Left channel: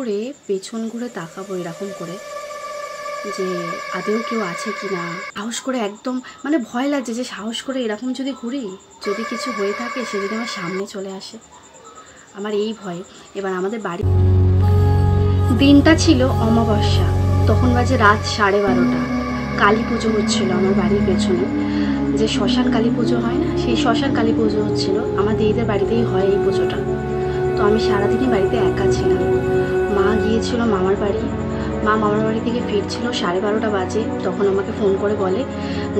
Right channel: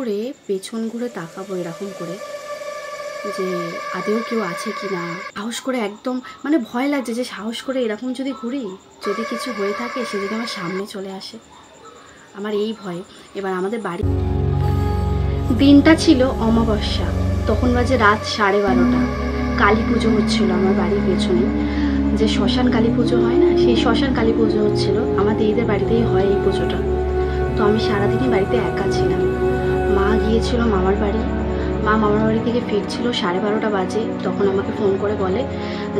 করে পেছন ঘুরে তাকাবো এরকম করে যে আদেও কেউ আছে কি না। সাহস করে একদম মানে ভয় লাগছে যে সাহস করে এরকম যদি ঘুরি, যদি কিছু হয়ে থাকে সে যদি আমার সামনে চলে আসে, আমার এই ভয়। এবার আমাদের বাড়ি দিনটা ছিল অমাবস্যা, তখন বাজে রাত 12:30। কালী পুজো হচ্ছিল আমার বাড়ির পেছনে, যে শ্মশান কালী পুজো হয় না, সেই শ্মশান কালী পুজো হচ্ছিল। আমার দিদিদের বাড়িতেই হয় এই পুজোটা। তো আমি সারাদিনই বাড়িতে একা ছিলাম। মা গিয়েছিল মামার বাড়ি, মা মামার বাড়ি থেকে ফিরছিল 12:30 বাজে। তখন আমাকে ফোন করে বলে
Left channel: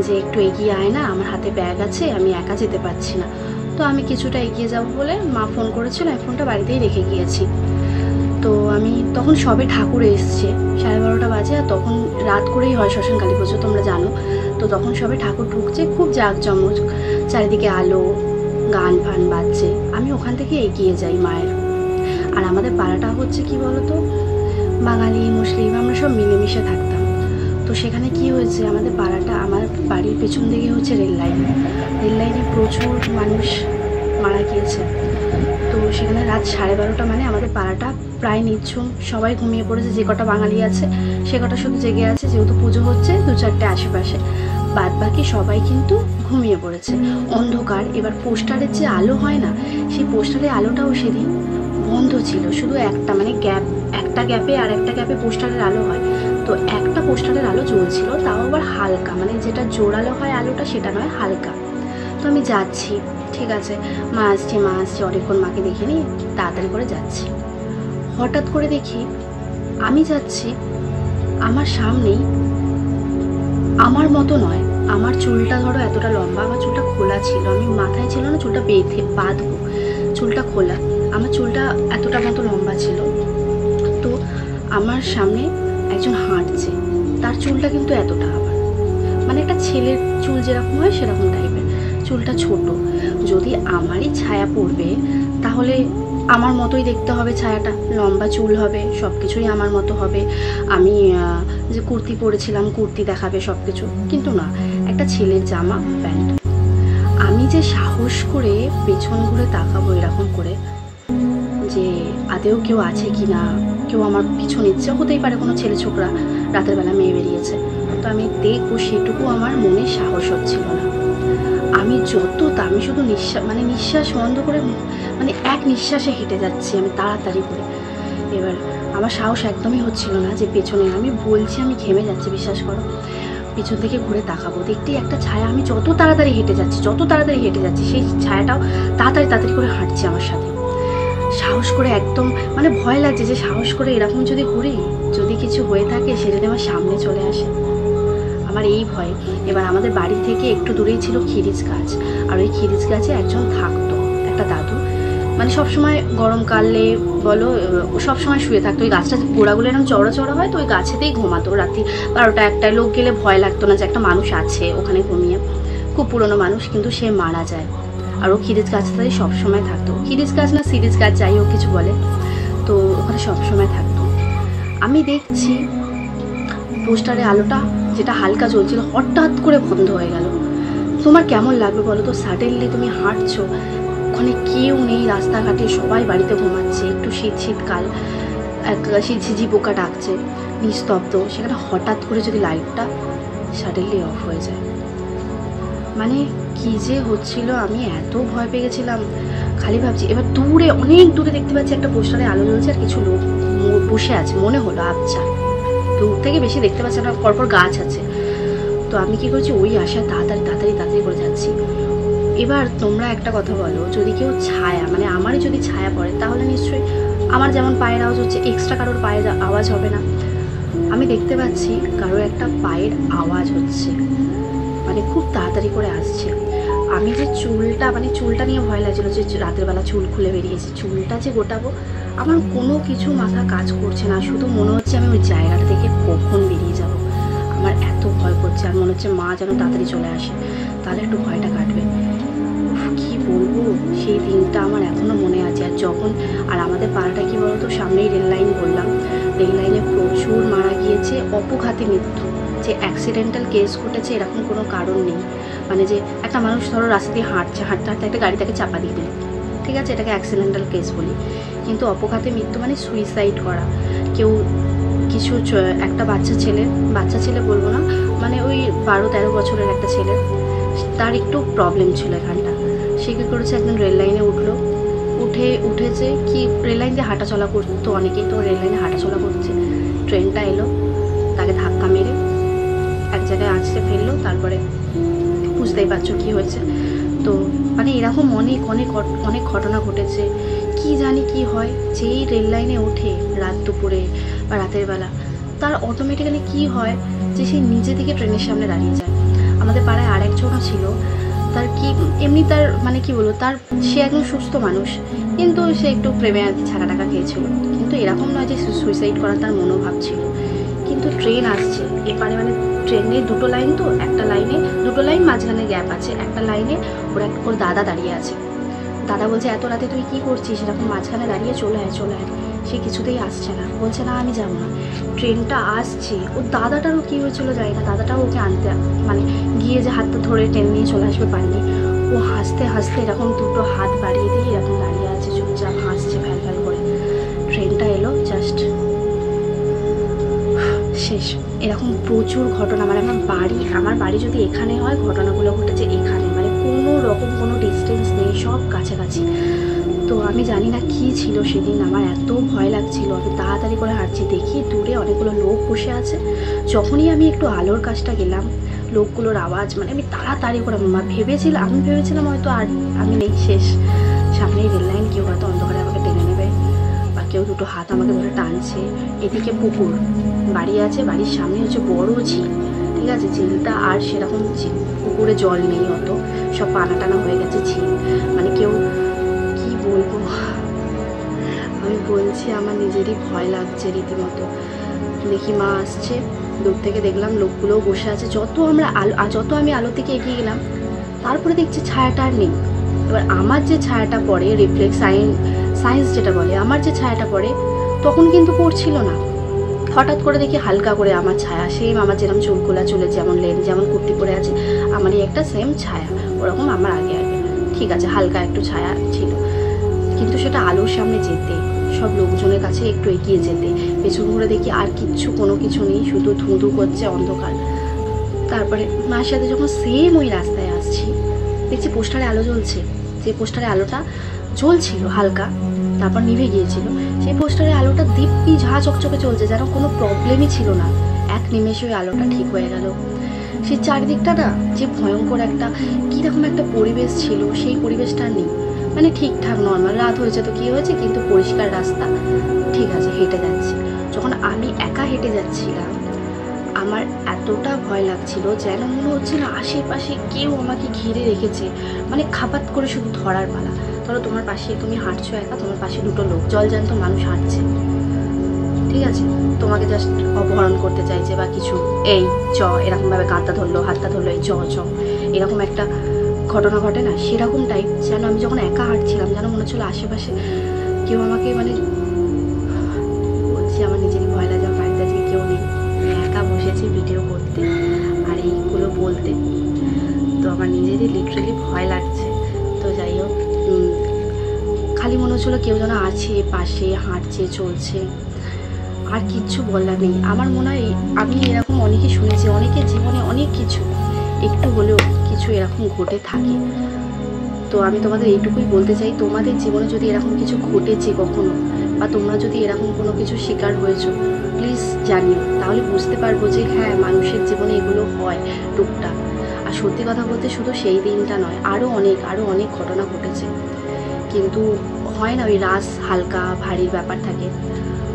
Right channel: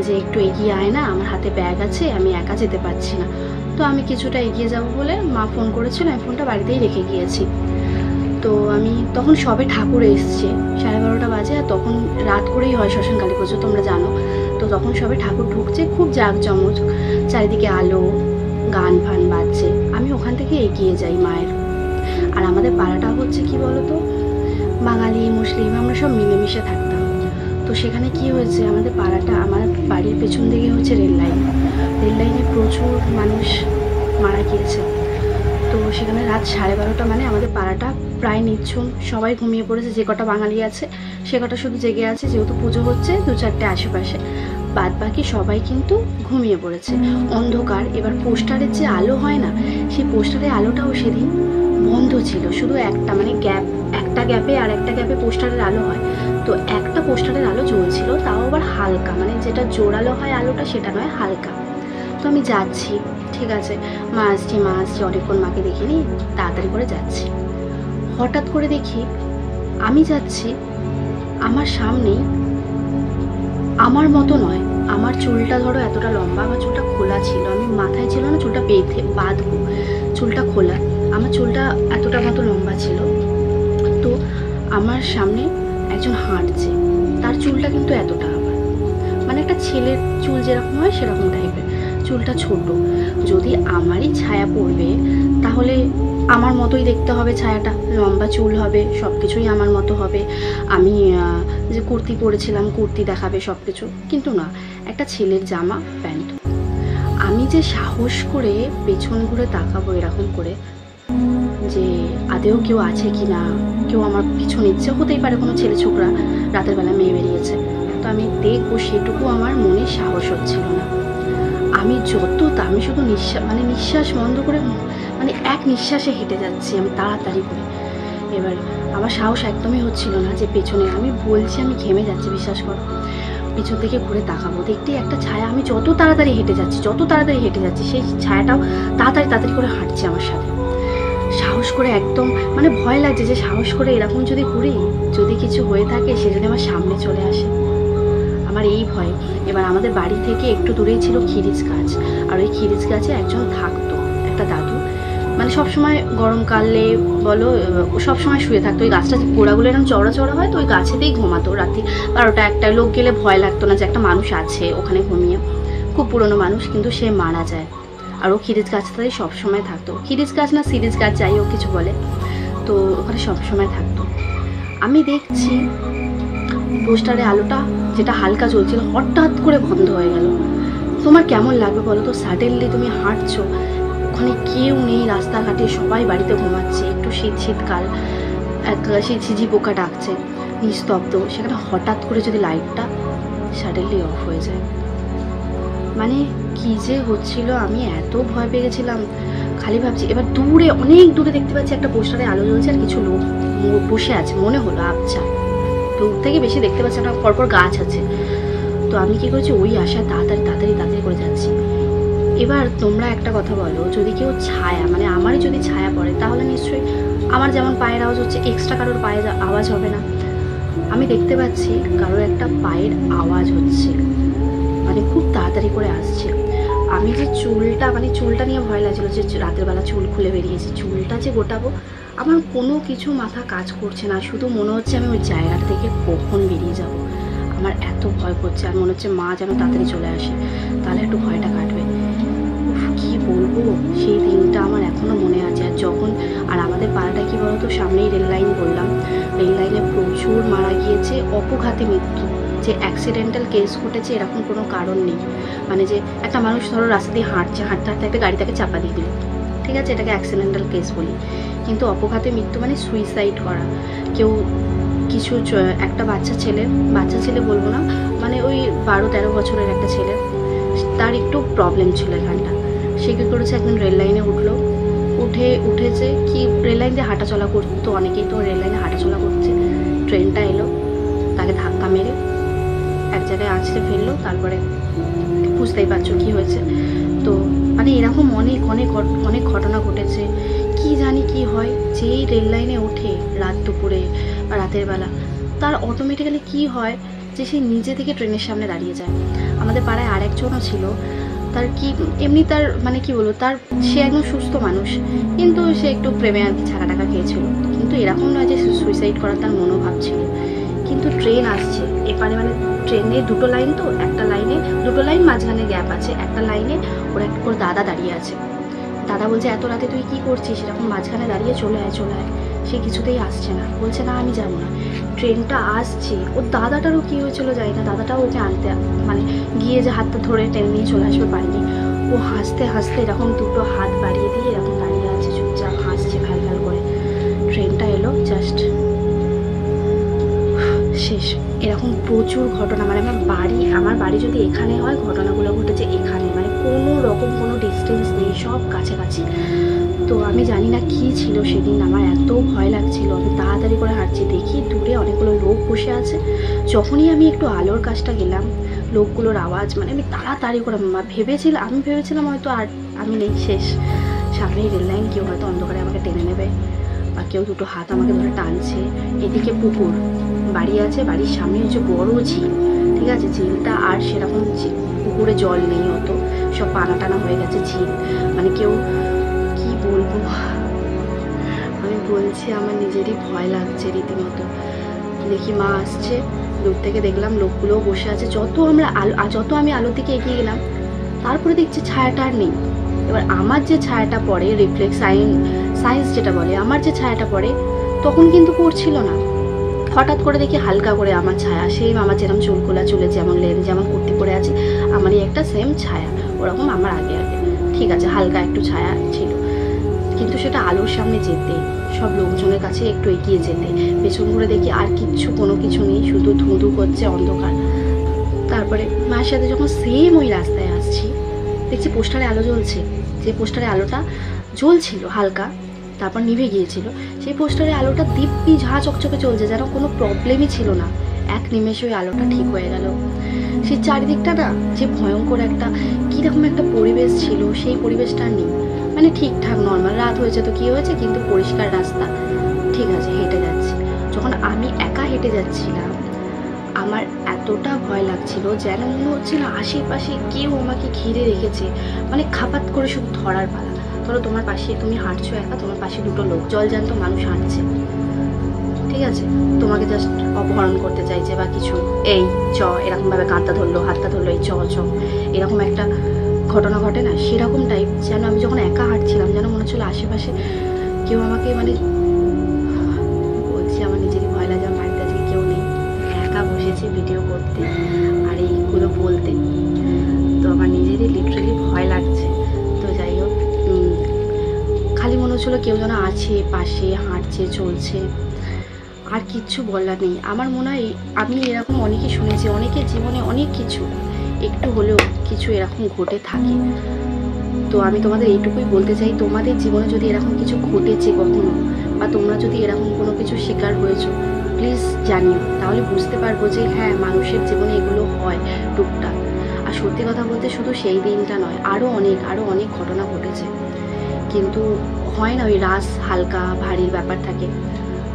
যে একটু এগিয়ে আয় না, আমার হাতে ব্যাগ আছে, আমি একা যেতে পারছি না। তো আমি কিছুটা এগিয়ে যাব বলে মা ফোন করেছিল, আমি ফোনটা বাড়িতেই রেখে গিয়েছি। তো আমি তখন সবে ঠাকুর এসছে, 12:30 বাজে, আর তখন রাত করেই হয় শ্মশান কালী পুজো, তোমরা জানো। তো তখন সবে ঠাকুর ঢুকছে, খুব জাঁকজমক, চারিদিকে আলো, গান ফান বাজছে। আমি ওখান থেকে এগিয়ে যাই মায়ের। আর আমাদের পাড়াটা হচ্ছে কি বলতো, বাঙালি মুসলিম আমরা সব মিলেমিশে থাকতাম। তো সেখানে কি হয়েছে, আমাদের পাড়াটা, আমার বাড়ির পেছন দিকে হচ্ছে রেল লাইনে প্রচুর মানুষ মারা গিয়েছে। তো সেখানে রাত 12:30 মানে আমাদের পাড়াটা প্রায় নিঝুম, সবাই ঘুমিয়ে পড়েছে। যে কটা বাঙালি আছে সে কটা শুধু জেগে আছে, যেহেতু পুজো হচ্ছে 2-4টে আশেপাশে, বাদ বাকি সবাই কিন্তু ঘুমিয়ে পড়েছে, অন্ধকার। এবার পোস্টারের যে আলো হয় না, সেই পোস্টারের আলোটাও সেদিন বন্ধ ছিল, শুধু একটা মানে একটা গ্যাপে আর একটা গ্যাপে পোস্টারের আলো হয়। তো একটা পোস্টারের আলো জ্বলছিল, তাও আবার হালকা, মানে যেটা জোরালো হয় আলোটা সেটা নয়, হালকা। তো আমি যাচ্ছি, ঠিক আছে, মা আসছে অনেকক্ষণ মাকে দেখিনি, তাড়াতাড়ি করে যাচ্ছি। হঠাৎ করে দেখি আমি যাচ্ছি, আমার সামনেই, আমার মতো নয়, আমার চুলটা ধরো এতটা লম্বা, আমার চুলটা খোলা ছিল, আমি মাথায় ছিল না চুলটা বাঁধবো, চুলটা খোলা, আমার চুলটা এতটা মতো লম্বা ছিল। তো আমার সামনে একজন হাঁটছে, তার চুলটা কিন্তু এতটা, আবার মানে একটা ছেলের চুল যেরকম হয় সেরকম টাইপের, চুলটা ছোট। যদি আমারই ছায়া পড়বে তাহলে আমার মতোই দেখতে হবে, ছায়াটা লম্বা চুল হবে, সব কিছুই আমার মতো হবে। আমি যে কুর্তি পরেছিলাম, কুর্তি দেখাবে সব কিছু, কিন্তু না, একটা ছেলের জামা প্যান্ট। আমি যে সাহস করে পেছন ঘুরে তাকাবো এরকম করে যে আদেও কেউ আছে কি না, কেউ আমার পিছু নিচ্ছে, হতেই পারে কোনো ছেলে ছোকরা রাতের বেলা মেয়ে বেরিয়েছে, তো আমি দেখবো, সেটুকু আমার মনে সাহস হচ্ছিল না। আমি শুধু নিঃশ্বাস বন্ধ করে, মানে এক নিঃশ্বাসে হেঁটে যাচ্ছি আমি তাড়াতাড়ি করে। এবার আমার সাহস একদমই হচ্ছিল না যে পেছনে, আমি বলছি আমি ঘেমে যাচ্ছি, বিশ্বাস করো। পিছন থেকে ঘুরে তাকাবো, দেখতেই একটা ছায়া, আমি যত তাড়াতাড়ি হেঁটে যাচ্ছি সেই ছায়াটাও তাড়াতাড়ি করে হাঁটছে আমার সাথে। সাহস করে একদম মানে ভয় লাগছে যে সাহস করে এরকম যদি ঘুরি, যদি কিছু হয়ে থাকে, সে যদি আমার সামনে চলে আসে, আমার এই ভয়। এবার আমাদের বাড়ি থেকে একটু দূরেই ছিল খিরিজ গাছ, আর ওই খিরিজ গাছে একজন থাকতো, একটা দাদু, মানে সবসময় গরমকালে বলো সবসময় শুয়ে থাকতো। ওই গাছটা গোড়াগুলো এরকম চওড়া হয়, তো ওই গাছেতেই ঘুমাতো। রাত্রি 12টা-1টায় লোক গেলে ভয় লাগতো না যে একটা মানুষ আছে ওখানে ঘুমিয়ে। খুব পুরনো মানুষ, কিন্তু সে মারা যায়। আর ও খিরিজ গাছটাতেই সবসময় থাকতো, খিরিজ গাছ না সিরিজ গাছ যাই হোক কিছু বলে, তো ওখানে সবসময় থাকতো। আমি দেখছি পোস্টারে আলোটা যেটা হালকা জ্বলছিল হঠাৎ করে বন্ধ হয়ে গেল। তোমার কেমন লাগবে বলো তো, সাডেনলি তুমি হাঁটছো, ওখানে কেউ নেই, রাস্তাঘাটে সবাই বাড়িতে ঘুমাচ্ছে, একটু শীতকাল, ঝিঝি পোকা ডাকছে, নিস্তব্ধ, সেখানে হঠাৎ করে যদি লাইটটা সাডেনলি অফ হয়ে যায়, মানে কি যে হচ্ছিল, আমি এত ভয় পেয়ে গেছিলাম। খালি ভাবছি, এবার দূরে, অনেক দূরে দেখতে পাচ্ছি একটা পোস্টারে আলো জ্বলছে, আর কিছু লোক বসে আছে, মনে হলো, আচ্ছা দূর থেকে বেশি দেখতে পাচ্ছি না, পরপর গাছ আছে। তো আমি কি করছি, ওই আশায় তাড়াতাড়ি করে যাচ্ছি। এবার তোমরা একটা কথা বলো, যদি কেউ ছায়া, মানে আমারই যদি ছায়া পড়ে, তাহলে নিশ্চয়ই আমার যেমন পায়ের আওয়াজ হচ্ছে, এক্সট্রা কারোর পায়ের আওয়াজ হবে না। আমি দেখতে পাচ্ছি কারোর একটা পায়ের আওয়াজ হচ্ছে, মানে খুব তাড়াতাড়ি করে আসছে। আমি যে চুলটা নিয়ে ভয় লাগছিল, যে রাতের বেলা চুল খুলে বেরিয়েছে, চুলটা যে গোটাবো, আমার কোনো কিছু মাথা কাজ করছে না, শুধু মনে হচ্ছে আমি ওই জায়গাটা থেকে কখন বেরিয়ে যাব। আমার এত ভয় করছে, আর মনে হচ্ছে মা যেন তাড়াতাড়ি চলে আসে, তাহলে একটু ভয়টা কাটবে। কি বলবো, সেই দিনটা আমার এখনও মনে আছে। আর আমাদের পাড়াটা কি বলতো, সামনেই রেল লাইন, বললাম রেল লাইনে প্রচুর মারা গিয়েছে, অপঘাতে মৃত্যু, যে অ্যাক্সিডেন্টাল কেস ঘটেছে এরকম কোনো কারণ নেই। মানে যে একটা মানুষ ধরো রাস্তা দিয়ে হাঁটতে একটা গাড়ি তাকে চাপা দিয়ে দিল, ঠিক আছে, এটাকে অ্যাক্সিডেন্টাল কেস বলি, কিন্তু অপঘাতে মৃত্যু মানে সুইসাইড করা, কেউ কিছু একটা বাচ্চা ছেলে বলবো না, মানে ওই 12-13 বছরের একটা ছেলে, তার একটু প্রবলেম ছিল এখানটা। সে কী করেছে, একদিন রেল লাইনে উঠেছে কি, রেল লাইন দিয়ে হাঁটাচলা করতো অনেকেই, তো রেল লাইনে হাঁটাচলা করছে, ট্রেনটা এলো, তাকে ধাক্কা মেরে এক জায়গায় আছড়ে ফেললো। তারপরে বুঝতেই পারছো কী হয়েছে। তো মানে এরকম অনেক ঘটনা ঘটেছে। কি জানি কি হয়, যেই রেল লাইনে ওঠে রাত দুপুরে বা রাতের বেলা, তার অটোমেটিক্যালি কি হয় যে সে নিজে থেকে ট্রেনের সামনে দাঁড়িয়ে যায়। আমাদের পাড়ায় আর একজনও ছিল, তার কি এমনি তার মানে কি বলবো, সে একদম সুস্থ মানুষ, কিন্তু সে একটু প্রেমে আর কি ছাকা টাকা খেয়েছিল। কিন্তু এরকম নয় যে সুইসাইড করার তার মনোভাব ছিল। কিন্তু ট্রেন আসছে এপারে, মানে ট্রেনে দুটো লাইন, তো একটা লাইনে দুটো লাইন, মাঝখানে গ্যাপ আছে, একটা লাইনে ওর দাদা দাঁড়িয়ে আছে। দাদা বলছে এত রাতে তুই কি করছিস, এরকম মাঝখানে দাঁড়িয়ে, চলে আয়। সে কিছুতেই আসছে না, বলছে না আমি যাবো না। ট্রেনটা আসছে, ওর দাদাটারও কী হয়েছিল জানি না, দাদাটাও ওকে আনতে মানে গিয়ে যে হাতটা ধরে টেনে নিয়ে চলে আসবে পারেনি। ও হাসতে এরকম দুটো হাত বাড়িয়ে দিয়ে এরকম দাঁড়িয়ে আছে, চুপচাপ হাসছে ফ্যাল করে। ট্রেনটা এলো, জাস্ট শেষ। এরকম প্রচুর ঘটনা, মানে আমার বাড়ি যদি এখানে হয়, ঘটনাগুলো ঘটেছে এখানে, মানে কোনো রকম কোনো ডিস্টেন্স নেই, সব কাছাকাছি। তো আমি জানি না কি ছিল সেদিন, আমার এত ভয় লাগছিল। আমি তাড়াতাড়ি করে হাঁটছি, দেখি দূরে অনেকগুলো লোক বসে আছে। যখনই আমি একটু আলোর কাছটা গেলাম, লোকগুলোর আওয়াজ, মানে আমি তাড়াতাড়ি করে আমি ভেবেছিলাম হয়তো আর আমি নেই, শেষ। সামনেই রেল লাইন, কেউ হয়তো অন্ধকারে আমাকে টেনে নেবে, বা কেউ দুটো হাত আমাকে ধরে টানছে। এদিকে পুকুর, বাড়ি আছে, বাড়ির সামনে হচ্ছে বড় ঝিল, ঠিক আছে। ঝিলটা আর সেরকম পুকুরে জল নেই অত, সব পানা টানা হয়ে গেছে ঝিল। মানে কেউ কি বলবো, আমি বলছি আমার নিজেরই ভয় লাগছে রীতিমতো। দেখি মা আসছে, দূর থেকে দেখলাম লোকগুলোও বসে আছে। যত আমি আলোর দিকে এগিয়ে গেলাম, তারপরে দেখছি ছায়াটা আর নেই। এবার আমার যে ছায়াটা পড়ে, রিফ্লেক্স সায়েন্স যেটা বলে, আমার যে ছায়াটা পড়ে তখন কিন্তু পড়ছিল না। হঠাৎ করে দেখি হালকা করে আমার ছায়া, সেম আমার যেরকম চুলকুলা, চুলের যেমন লেন, যেমন কুর্তি পরে আছে, আমারই একটা সেম ছায়া, ওরকম আমার আগে ঠিক আছে, হালকা একটু ছায়া ছিল। কিন্তু সেটা আলোর সামনে যেতে, সব লোকজনের কাছে একটু এগিয়ে যেতে, পেছন ঘুরে দেখি আর কোনো কিছু নেই, শুধু ধুঁধু করছে অন্ধকার। তারপরে মায়ের সাথে যখন সেম ওই রাস্তায় আসছি, দেখছি পোস্টারে আলো জ্বলছে। যে পোস্টারে আলোটা জ্বলছিল হালকা, তারপর নিভে গিয়েছিল, সেই পোস্টারের আলোটা দিব্যি ঝা চকচকে চলছে, যেন কোনো প্রবলেমই ছিল না। এক নিমেষে ওই আলোটা ঠিক হয়ে গেল। সেই চারিদিকটা না, যে ভয়ঙ্কর একটা কীরকম একটা পরিবেশ ছিল, সেই পরিবেশটা নেই। মানে ঠিকঠাক নর্মাল, রাত হয়েছে তো কী হয়েছে, কিন্তু পরিষ্কার রাস্তা, ঠিক আছে, হেঁটে যাচ্ছি। যখন আমি একা হেঁটে যাচ্ছিলাম, আমার এতটা ভয় লাগছিল, যেন মনে হচ্ছে না আশেপাশে কেউ আমাকে ঘিরে রেখেছে, মানে খাপাত করে শুধু ধরার পালা। ধরো তোমার পাশে, তুমি হাঁটছো একা, তোমার পাশে দুটো লোক, জলজ্যান্ত মানুষ হাঁটছে, ঠিক আছে, তোমাকে জাস্ট অপহরণ করতে চাইছে বা কিছু, এই এরকমভাবে কাঁধটা ধরলো, হাতটা ধরলো, এই এরকম একটা ঘটনা ঘটে না, সেরকম টাইপ। যেন আমি যখন একা হাঁটছিলাম, যেন মনে হচ্ছিলো আশেপাশে কেউ আমাকে, মানে বলছি আমার নিজেরই ভয় লাগে, আমার বাড়িতে আজকে কেউ নেই, আমি একা বসেছি ভিডিও করতে আর এইগুলো বলতে, তো আমার নিজেরই লিটারেলি ভয় লাগছে। তো যাই হোক, খালি মনে হচ্ছিলো কেউ যেন আছে পাশে, হাঁটছে, চলছে, আর কিচ্ছু বলার নেই। আমার মনে হয় আমি এরকম অনেকে শুনেছি, অনেকের জীবনে অনেক কিছু একটু হলেও কিছু এরকম ঘটে থাকে। তো আমি তোমাদের এইটুকুই বলতে চাই, তোমাদের জীবনে যদি এরকম কিছু ঘটেছে কখনো, বা তোমরা যদি এরকম কোনো কিছু শিকার হয়েছো, প্লিজ জানিও, তাহলে বুঝতে পারবো যে হ্যাঁ, মানুষের জীবনে এগুলো হয় টুকটাক। আর সত্যি কথা বলতে শুধু সেই দিনটা নয়, আরও অনেক ঘটনা ঘটেছে, কিন্তু হয় না, ওই রাস হালকা ভারীর ব্যাপার থাকে।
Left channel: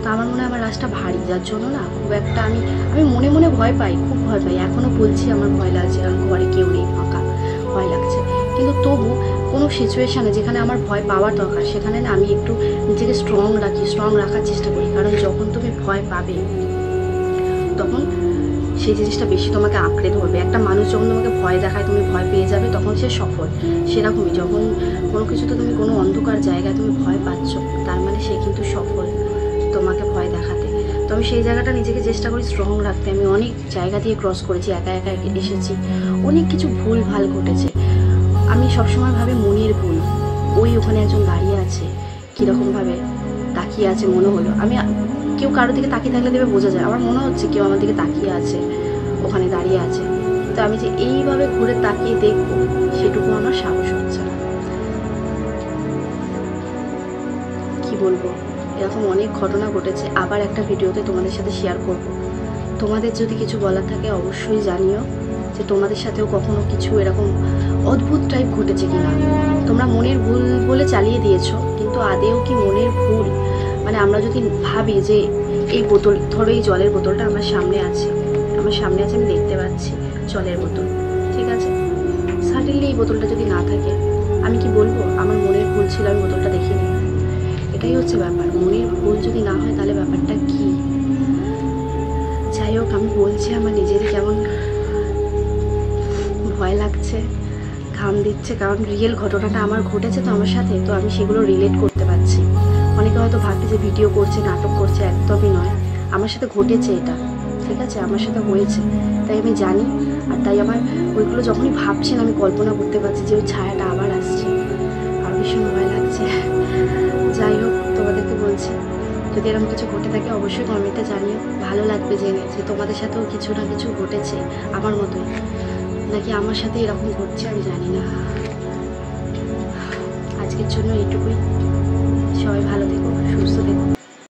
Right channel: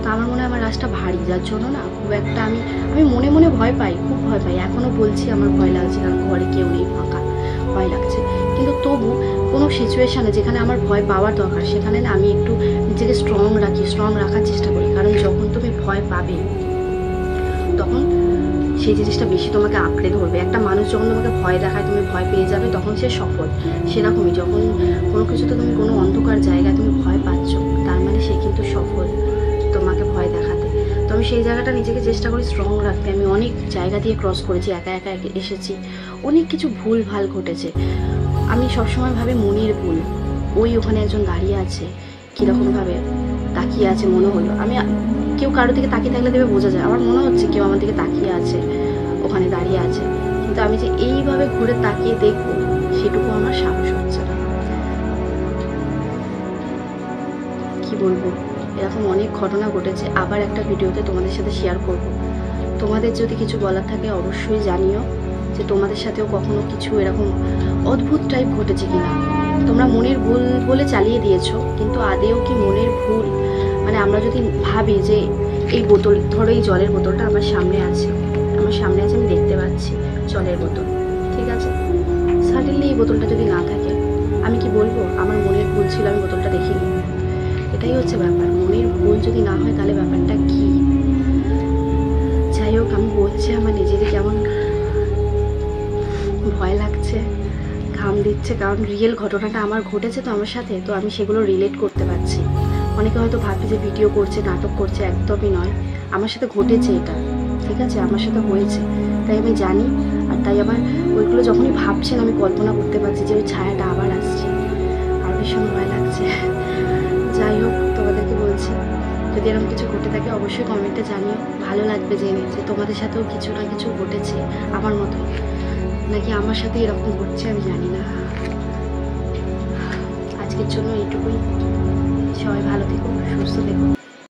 তো আমার মনে হয় আমার রাসটা ভারী, যার জন্য না খুব একটা আমি মনে ভয় পাই, খুব ভয় পাই। এখনও বলছি আমার ভয় লাগছে, কারণ ঘরে কেউ নেই, ফাঁকা, ভয় লাগছে। কিন্তু তবু কোনো সিচুয়েশানে যেখানে আমার ভয় পাওয়ার দরকার, সেখানে না আমি একটু নিজেকে স্ট্রং রাখার চেষ্টা করি। কারণ যখন তুমি ভয় পাবে, তখন সেই জিনিসটা বেশি তোমাকে আঁকড়ে ধরবে। একটা মানুষ যখন তোমাকে ভয় দেখায়, তুমি ভয় পেয়ে যাবে, তখন সে সফল। সেরকমই যখন কোনো কিছুতে তুমি কোনো অন্ধকার জায়গায় তুমি ভয় পাচ্ছ, তার মানে সে কিন্তু সফল তোমাকে ভয় দেখাতে। তো আমি সেই জায়গাটা নিজেকে চেষ্টা করি স্ট্রং রাখতে। আমি অনেক জায়গা দিয়ে ক্রস করেছি, একা এসেছি, অনেক কিছু ভুল ভাল ঘটেছে। আমি সবসময় ভাবে মনের ভুল, ওখানে একজন দাঁড়িয়ে আছে, কীরকমভাবে তাকিয়ে আছে মনে হলো। আমি কেউ কারোর দিকে তাকিয়ে থাকলে দেবে বোঝা যায়। আমার মনে হচ্ছে কেউ আমার দিকে তাকিয়ে আছে, ওখানে দাঁড়িয়ে আছে, কিন্তু আমি যে এইভাবে ঘুরে তাকিয়ে দেখবো সেটুকু আমার সাহস হচ্ছে না। কি বলবো, এরকম অনেক ঘটনা ঘটেছে। আবার একটা ভিডিওতে তোমাদের সাথে শেয়ার করব। তোমাদের যদি কিছু বলার থাকে অবশ্যই জানিও, যে তোমাদের সাথেও কখনো কিছু এরকম অদ্ভুত টাইপ ঘটেছে কিনা। তোমরা মনের ভুল বলে চালিয়ে দিয়েছো, কিন্তু আদেও কি মনের ভুল? মানে আমরা যদি ভাবি যে এই বোতল, ধরো এই জলের বোতলটা আমার সামনে আছে, আমি দেখতে পাচ্ছি জলের বোতল, ঠিক আছে, সাডেনলি এই বোতলটা যদি না থাকে, আমি কি বলবো আমার মনের ভুল ছিল, আমি বোতলটা দেখিনি? এটাই হচ্ছে ব্যাপার। মনের ভুল যদি না হয় তাহলে ব্যাপারটা কি? যাই হোক, আমি বলছি আমার নিজেরই কেমন ভয় লাগছে, ঘাম দিচ্ছে, কারণ রিয়েল ঘটনাটা আমার ঘটেছে তো আমার সাথে, তো আমি সেগুলো রিলেট করতে পারছি। অনেকে হয়তো ভাববে যে ভিডিও করছে, নাটক করছে, একদমই নয়, আমার সাথে ঘটেছে এটা, ঠিক আছে, আমার সাথে হয়েছে, তাই আমি জানি। আর তাই আমার ওইগুলো যখনই ভাবছেন আমি কল্পনা করতে পারছি যে ওই ছায়াটা আবার আসছে, আর ভীষণ ভয় লাগছে। যাই হোক, তোমাদেরকে বলছি যদি এরকম কিছু ঘটে থাকে অবশ্যই কমেন্টে জানিও। ভালো লাগবে জেনে যে তোমাদের সাথেও কিছু না কিছু ঘটেছে আমার মতোই, নাকি আমার সাথে এরকম ঘটছে আমি জানি না। আজকের জন্য এইটুকুই। সবাই ভালো থেকো, সুস্থ থেকো।